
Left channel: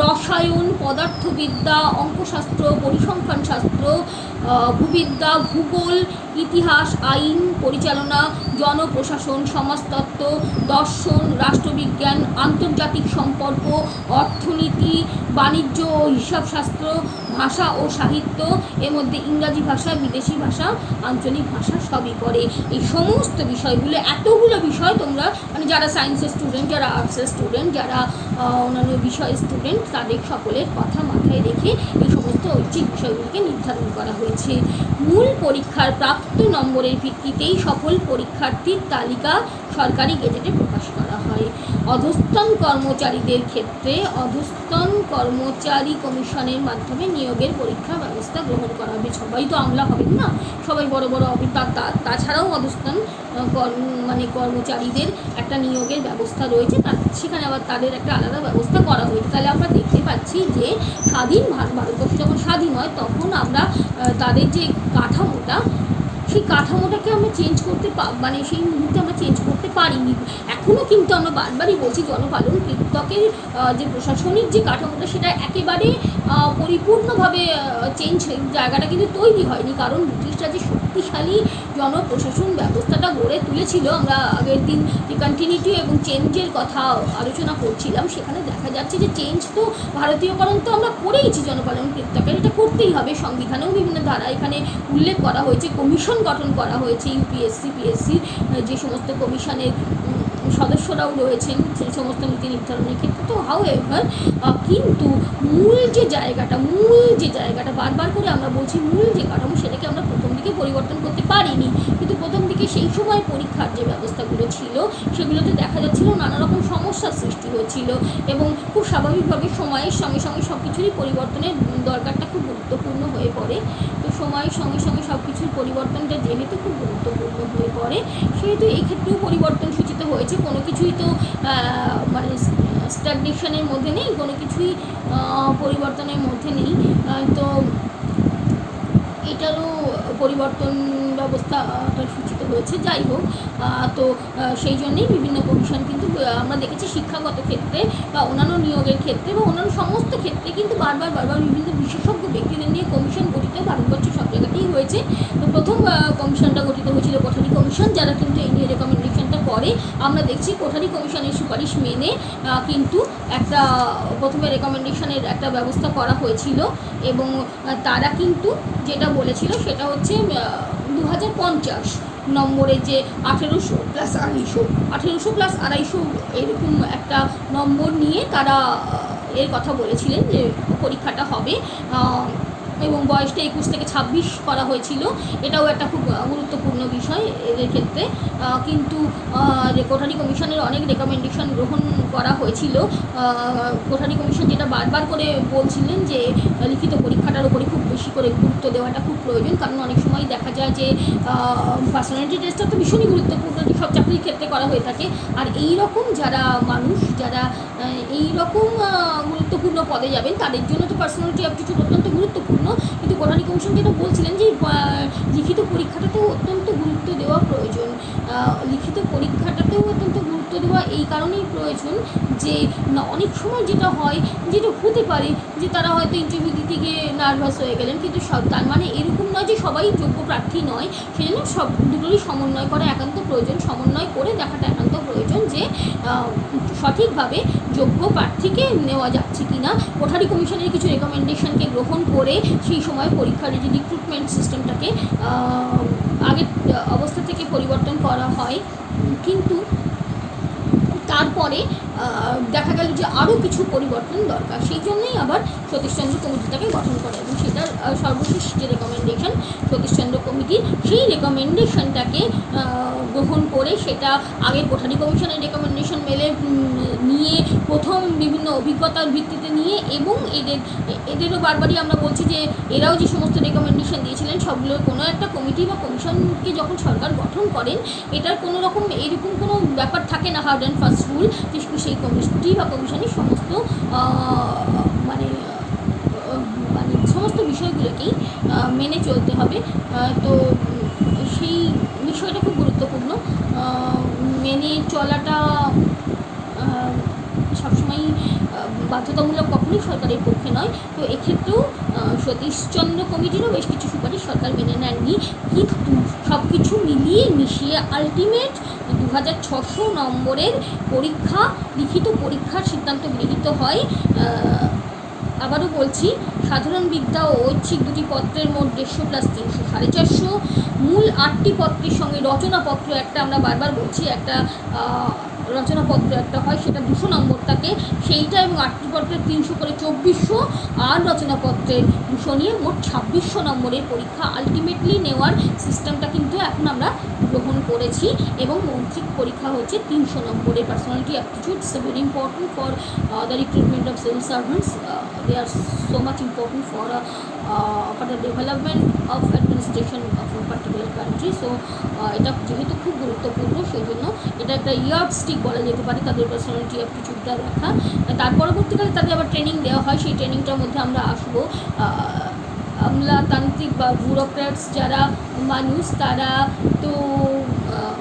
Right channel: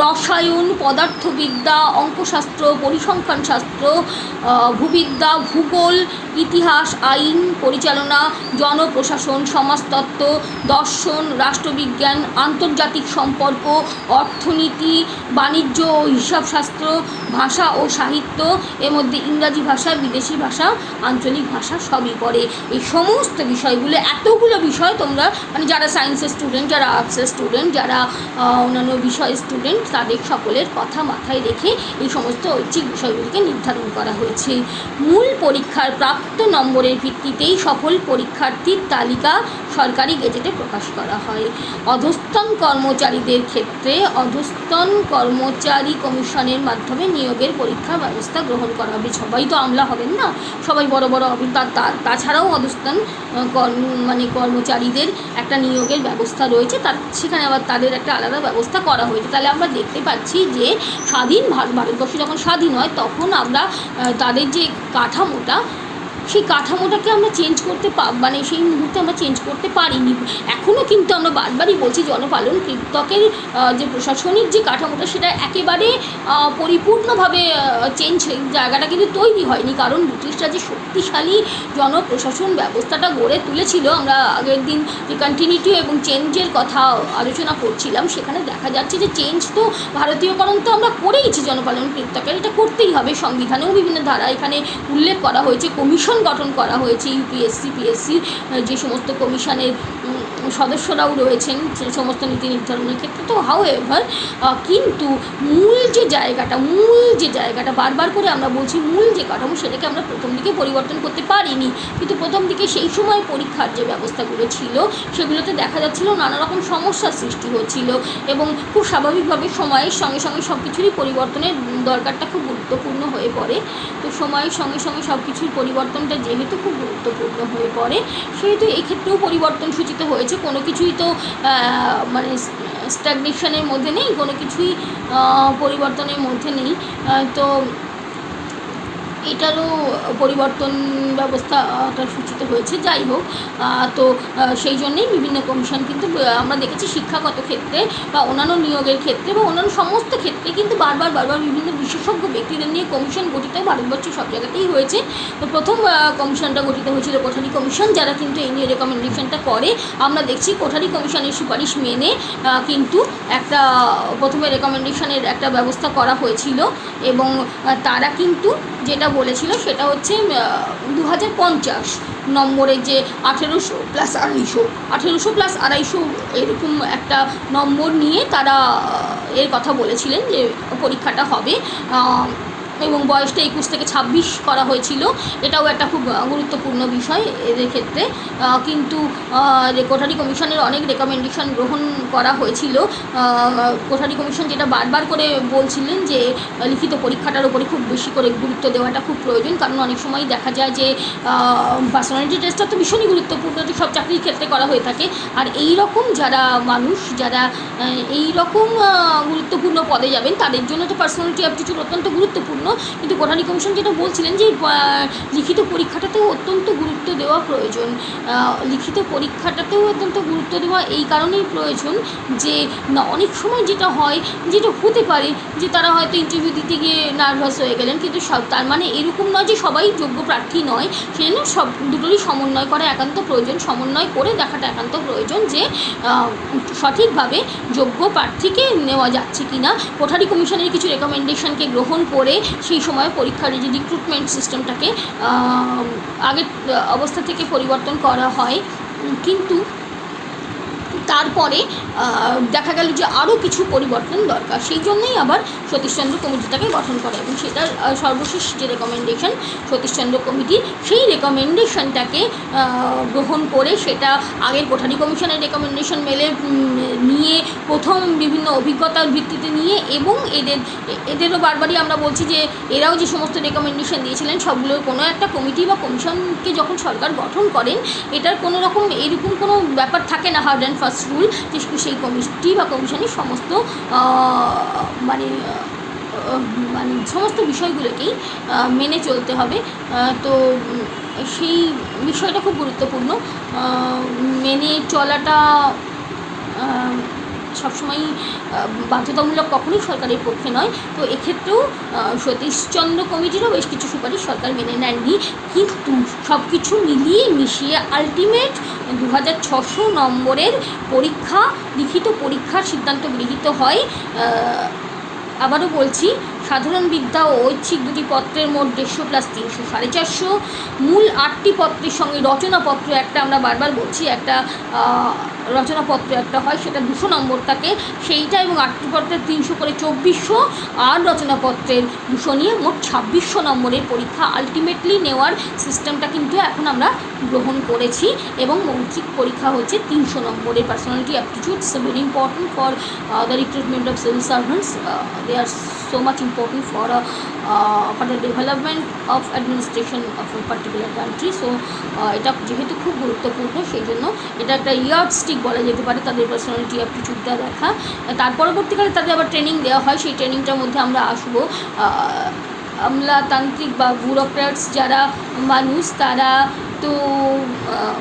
রসায়ন, পদার্থবিদ্যা, অঙ্কশাস্ত্র, পরিসংখ্যান শাস্ত্র, ভূবিদ্যা, ভূগোল, ইতিহাস, আইন, পরিচালনা, জনপ্রশাসন, সমাজতত্ত্ব, দর্শন, রাষ্ট্রবিজ্ঞান, আন্তর্জাতিক সম্পর্ক, অর্থনীতি, বাণিজ্য ও হিসাবশাস্ত্র, ভাষা ও সাহিত্য, এর মধ্যে ইংরাজি ভাষা, বিদেশি ভাষা, আঞ্চলিক ভাষা সবই পড়ে। এই সমস্ত বিষয়গুলো, এতগুলো বিষয় তোমরা মানে যারা সায়েন্সের স্টুডেন্ট, যারা আর্টসের স্টুডেন্ট, যারা অন্যান্য বিষয়ের স্টুডেন্ট, তাদের সকলের কথা মাথায় রেখে এই সমস্ত ঐচ্ছিক বিষয়গুলিকে নির্ধারণ করা হয়েছে। মূল পরীক্ষার প্রাপ্ত নম্বরের ভিত্তিতেই সকল পরীক্ষার্থীর তালিকা সরকারি গেজেটে প্রকাশ করা হয়। অধস্তন কর্মচারীদের ক্ষেত্রে অধস্তন কর্মচারী কমিশনের মাধ্যমে নিয়োগের পরীক্ষা ব্যবস্থা গ্রহণ করা হবে। সবাই তো আমলা হবেন না, সবাই বড় বড় হবে। তাছাড়াও অধস্তন মানে কর্মচারীদের একটা নিয়োগের ব্যবস্থা রয়েছে, সেখানে আবার তাদের একটা আলাদা ব্যবস্থা করা হয়েছে। তাহলে আমরা দেখতে পাচ্ছি যে স্বাধীন ভারতবর্ষ যখন স্বাধীন হয় তখন আমরা তাদের যে কাঠামোটা, সেই কাঠামোটাকে আমরা চেঞ্জ করতে মানে সেই মুহূর্তে আমরা চেঞ্জ করতে পারিনি। এখনও কিন্তু আমরা বারবারই বলছি, জনপালন কীর্তকের যে প্রশাসনিক যে কাঠামোটা সেটা একেবারে পরিপূর্ণভাবে চেঞ্জ, জায়গাটা কিন্তু তৈরি হয়নি। কারণ ব্রিটিশরা যে শক্তিশালী জনপ্রশাসন ব্যবস্থাটা গড়ে তুলেছিল, আমরা আগের দিন যে কন্টিনিউটি এবং চেঞ্জের কথা আলোচনা করছিলাম, সেখানে দেখা যাচ্ছে যে চেঞ্জ তো ভারতীয়করণ তো আমরা করেইছি জনপালন কীর্তকের, এটা করতেই হবে। সংবিধানেও বিভিন্ন ধারা এখানে উল্লেখ করা হয়েছে, কমিশন গঠন করা হয়েছে, ইউপিএসসি পিএসসি যে সমস্ত কমিশনের সদস্যরাও রয়েছেন সেই সমস্ত নীতি নির্ধারণের ক্ষেত্রে। তো হাউএভার কিন্তু মূল যে জায়গাটা বারবার করে আমরা বলছি, মূল যে কাঠামো সেটাকে আমরা প্রথম দিকে পরিবর্তন করতে পারিনি। কিন্তু প্রথম দিকে সেই সময় পরীক্ষার যে ব্যবস্থাগুলো ছিল সেগুলোতে দেখা যাচ্ছিল নানা রকম সমস্যার সৃষ্টি হচ্ছিল এবং খুব স্বাভাবিকভাবে সময়ের সঙ্গে সঙ্গে সব কিছুরই পরিবর্তনের দরকারটা খুব গুরুত্বপূর্ণ হয়ে পড়ে। তো সময়ের সঙ্গে সঙ্গে সব কিছুর পরিবর্তনটা যেহেতু খুব গুরুত্বপূর্ণ হয়ে পড়ে, সেহেতু এই ক্ষেত্রেও পরিবর্তন সূচিত হয়েছে। কোনো কিছুই তো মানে স্ট্যাগনেশনের মধ্যে নেই, কোনো কিছুই পরিবর্তনের মধ্যে নেই। তো এটারও পরিবর্তন ব্যবস্থাটা সূচিত হয়েছে। যাই হোক, তো সেই জন্যেই বিভিন্ন কমিশন কিন্তু আমরা দেখেছি শিক্ষাগত ক্ষেত্রে বা অন্যান্য নিয়োগের ক্ষেত্রে বা অন্যান্য সমস্ত ক্ষেত্রে কিন্তু বারবার বিভিন্ন বিশেষজ্ঞ ব্যক্তিদের নিয়ে কমিশন গঠিত ভারতবর্ষের সব জায়গাতেই হয়েছে। তো প্রথম কমিশনটা গঠিত হয়েছিল কোঠারি কমিশন, যারা কিন্তু এই নিয়ে রেকমেন্ডেশনটা করে। আমরা দেখছি কোঠারি কমিশনের সুপারিশ মেনে কিন্তু একটা প্রথমে রেকমেন্ডেশনের একটা ব্যবস্থা করা হয়েছিল এবং তারা কিন্তু যেটা বলেছিল সেটা হচ্ছে 2050 নম্বরের যে 1800 প্লাস 250 এরকম একটা নম্বর নিয়ে তারা এর কথা বলেছিলেন যে পরীক্ষাটা হবে এবং বয়সটা 21 থেকে 26 করা হয়েছিল। এটাও একটা খুব গুরুত্বপূর্ণ বিষয় এদের ক্ষেত্রে। কিন্তু কোঠারি কমিশনের অনেক রেকমেন্ডেশন গ্রহণ করা হয়েছিল। কোঠারি কমিশন যেটা বারবার করে বলছিলেন যে লিখিত পরীক্ষাটার উপরে খুব বেশি করে গুরুত্ব দেওয়াটা খুব প্রয়োজন। কারণ অনেক সময় দেখা যায় যে পার্সোনালিটি টেস্টটা তো ভীষণই গুরুত্বপূর্ণ, যে সব চাকরির ক্ষেত্রে করা হয়ে থাকে। আর এই রকম যারা মানুষ যারা এই রকম গুরুত্বপূর্ণ পদে যাবেন তাদের জন্য তো পার্সোনালিটি অ্যাপটিটিউড অত্যন্ত গুরুত্বপূর্ণ। কিন্তু কোঠারি কমিশন যেটা বলছিলেন যে লিখিত পরীক্ষাটাতেও অত্যন্ত গুরুত্ব দেওয়া প্রয়োজন। লিখিত পরীক্ষাটাতেও অত্যন্ত গুরুত্ব দেওয়া এই কারণেই প্রয়োজন যে না, অনেক সময় যেটা হয়, যেটা হতে পারে যে তারা হয়তো ইন্টারভিউ দিতে গিয়ে নার্ভাস হয়ে গেলেন, কিন্তু সব তার মানে এরকম নয় যে সবাই যোগ্য প্রার্থী নয়। সেজন্য সব দুটোরই সমন্বয় করা একান্ত প্রয়োজন, সমন্বয় করে দেখাটা একান্ত প্রয়োজন যে সঠিকভাবে যোগ্য প্রার্থীকে নেওয়া যাচ্ছে কি না। কোঠারি কমিশনের কিছু রেকমেন্ডেশনকে গ্রহণ করে সেই সময় পরীক্ষার যে রিক্রুটমেন্ট সিস্টেমটাকে আগের অবস্থা থেকে পরিবর্তন করা হয়, কিন্তু তারপরে দেখা গেল যে আরও কিছু পরিবর্তন দরকার। সেই জন্যই আবার সতীশচন্দ্র কমিটিটাকে গঠন করা, এবং সেটার সর্বশেষ যে রেকমেন্ডেশন সতীশচন্দ্র কমিটির, সেই রেকমেন্ডেশনটাকে গ্রহণ করে সেটা আগের কোঠারি কমিশনের রেকমেন্ডেশন নিয়ে প্রথম বিভিন্ন অভিজ্ঞতার ভিত্তিতে নিয়ে, এবং এদেরও বারবারই আমরা বলছি যে এরাও যে সমস্ত রেকমেন্ডেশন দিয়েছিলেন সবগুলোর কোনো একটা কমিটি বা কমিশনকে যখন সরকার গঠন করেন, এটার কোনো রকম এরকম কোনো ব্যাপার থাকে না হার্ড অ্যান্ড ফাস্ট রুল যে সেই কমিটি বা কমিশনের সমস্ত মানে সমস্ত বিষয়গুলোকেই মেনে চলতে হবে। তো সেই বিষয়টা খুব গুরুত্বপূর্ণ, মেনে চলাটা সবসময় বাধ্যতামূলক কখনোই সরকারের পক্ষে নয়। তো এক্ষেত্রেও সতীশচন্দ্র কমিটিরও বেশ কিছু সুপারিশ সরকার মেনে নেননি, কিন্তু সব কিছু মিলিয়ে মিশিয়ে আলটিমেট 2600 নম্বরের পরীক্ষা, লিখিত পরীক্ষার সিদ্ধান্ত গৃহীত হয়। আবারও বলছি, সাধারণ বিদ্যা ও ঐচ্ছিক দুটি পত্রের মোট 150 প্লাস 300 450, মূল 8টি পত্রের সঙ্গে রচনাপত্র একটা, আমরা বারবার বলছি একটা রচনাপত্র একটা হয়, সেটা 200 নম্বর থাকে সেইটা, এবং 8টি পত্রের 300 করে 2400, আর রচনাপত্রের 200 নিয়ে মোট 2600 নম্বরের পরীক্ষা আলটিমেটলি নেওয়ার সিস্টেমটা কিন্তু এখন আমরা গ্রহণ করেছি। এবং মৌখিক পরীক্ষা হচ্ছে 300 নম্বরের। Personality aptitudes very important for the recruitment of civil servants, they are so much important for the development of administration of a particular country. So এটা যেহেতু খুব গুরুত্বপূর্ণ, সেই জন্য এটা একটা ইয়ার্ডস্টিক বলা যেতে পারে তাদের পার্সোনালিটি অ্যাপটিটিউডটা দেখা। তার পরবর্তীকালে তাদের আবার ট্রেনিং দেওয়া হয়, সেই ট্রেনিংটার মধ্যে আমরা আসবো। আমলাতান্ত্রিক বা ব্যুরোক্র্যাটস যারা মানুষ, তারা তো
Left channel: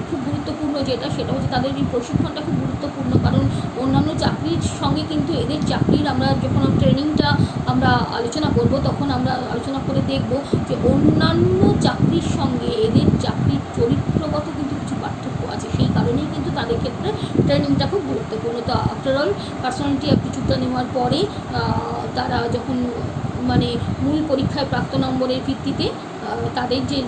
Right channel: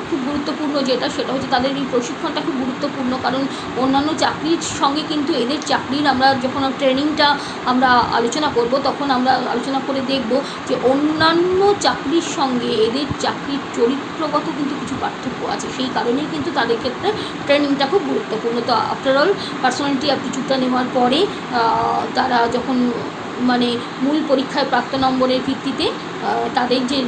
খুব গুরুত্বপূর্ণ যেটা, সেটা হচ্ছে তাদের এই প্রশিক্ষণটা খুব গুরুত্বপূর্ণ, কারণ অন্যান্য চাকরির সঙ্গে কিন্তু এদের চাকরির আমরা যখন ট্রেনিংটা আমরা আলোচনা করব, তখন আমরা আলোচনা করে দেখব যে অন্যান্য চাকরির সঙ্গে এদের চাকরির চরিত্রগত কিন্তু কিছু পার্থক্য আছে। সেই কারণেই কিন্তু তাদের ক্ষেত্রে ট্রেনিংটা খুব গুরুত্বপূর্ণ। তো আফটারঅল পার্সোনালিটি অ্যাপটিটিউডটা নেওয়ার পরে তারা যখন মানে মূল পরীক্ষায় প্রাপ্ত নম্বরের ভিত্তিতে তাদের যে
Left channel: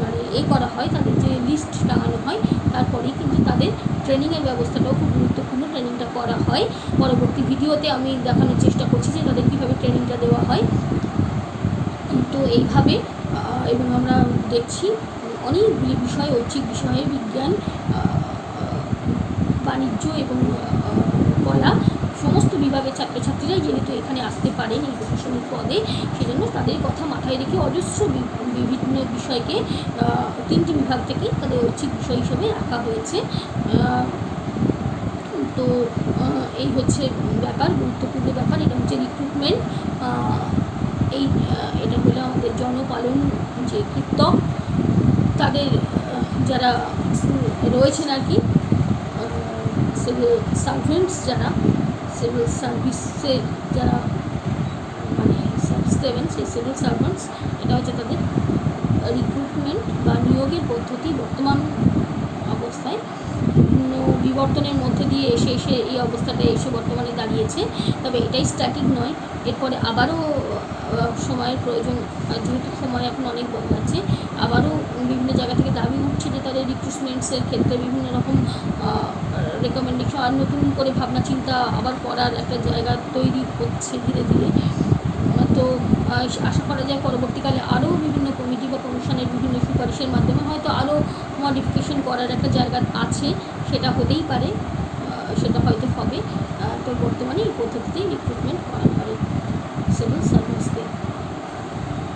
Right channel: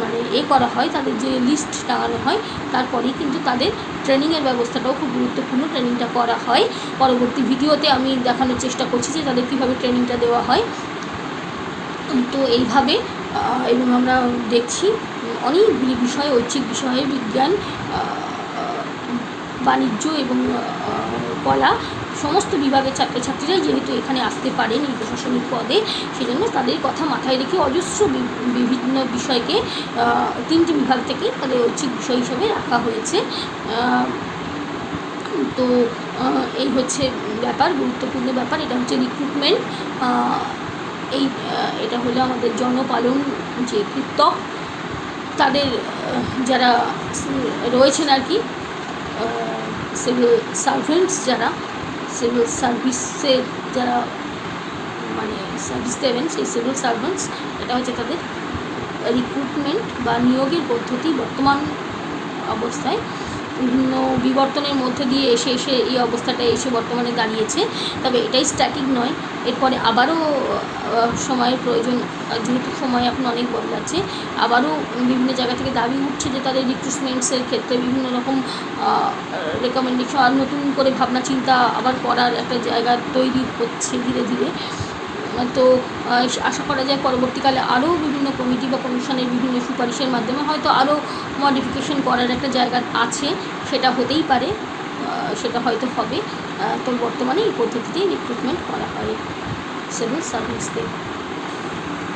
মানে করা হয়, তাদের যে লিস্ট টাঙানো হয়, তারপরেই কিন্তু তাদের ট্রেনিংয়ের ব্যবস্থাটাও খুব গুরুত্বপূর্ণ, ট্রেনিংটা করা হয়। পরবর্তী ভিডিওতে আমি দেখানোর চেষ্টা করছি যে তাদের কীভাবে ট্রেনিংটা দেওয়া হয়। তো এইভাবে এবং আমরা দেখছি অনেকগুলি বিষয়, ঐচ্ছিক বিষয়ে বিজ্ঞান, বাণিজ্য এবং কলা, সমস্ত বিভাগের ছাত্রছাত্রীরাই যেহেতু এখানে আসতে পারেন এই প্রশাসনিক পদে, সেজন্য তাদের কথা মাথায় রেখে অজস্র বিভিন্ন বিষয়কে 3টি বিভাগ থেকে তাদের ঐচ্ছিক বিষয় হিসেবে রাখা হয়েছে। তো এই হচ্ছে ব্যাপার, গুরুত্বপূর্ণ ব্যাপার। এটা হচ্ছে রিক্রুটমেন্ট, এটা হলো আমাদের জনপালন যে কৃতক, তাদের যারা রয়েছেন আর কি, সিভিল সার্ভেন্টস যারা সিভিল সার্ভিসের যারা মানে সার্ভিস দেবেন, সেই সিভিল সার্ভেন্টস, এটা হচ্ছে তাদের রিক্রুটমেন্ট বা নিয়োগের পদ্ধতি বর্তমান অবস্থায় বিভিন্ন বিবর্তনের মধ্যে দিয়ে এসে এই অবস্থাটা এসে বর্তমানে দাঁড়িয়েছে। তবে এটাই স্ট্যাটিক নয়, এরপরে আবারও সময়ের প্রয়োজন, যেহেতু সময় এখন অনেক বদলাচ্ছে, আবারও বিভিন্ন জায়গা থেকে দাবি উঠছে যে তাদের রিক্রুটমেন্টসের ক্ষেত্রে বিভিন্ন রকম রেকমেন্ডেশন আর নতুন করে ভাবনা চিন্তা আবার করার একটা জায়গা তৈরি হচ্ছে ধীরে ধীরে। তো আশা করা যায় পরবর্তীকালে আরও বিভিন্ন কমিটি বা কমিশনের বিভিন্ন সুপারিশের মাধ্যমে হয়তো আরও মডিফিকেশন করার একটা জায়গা আছে, সেটা হতেই পারে, সেটা হয়তো হবে। তো বর্তমানে এই পদ্ধতিতেই রিক্রুটমেন্ট করা হয় সিভিল সার্ভিসদের।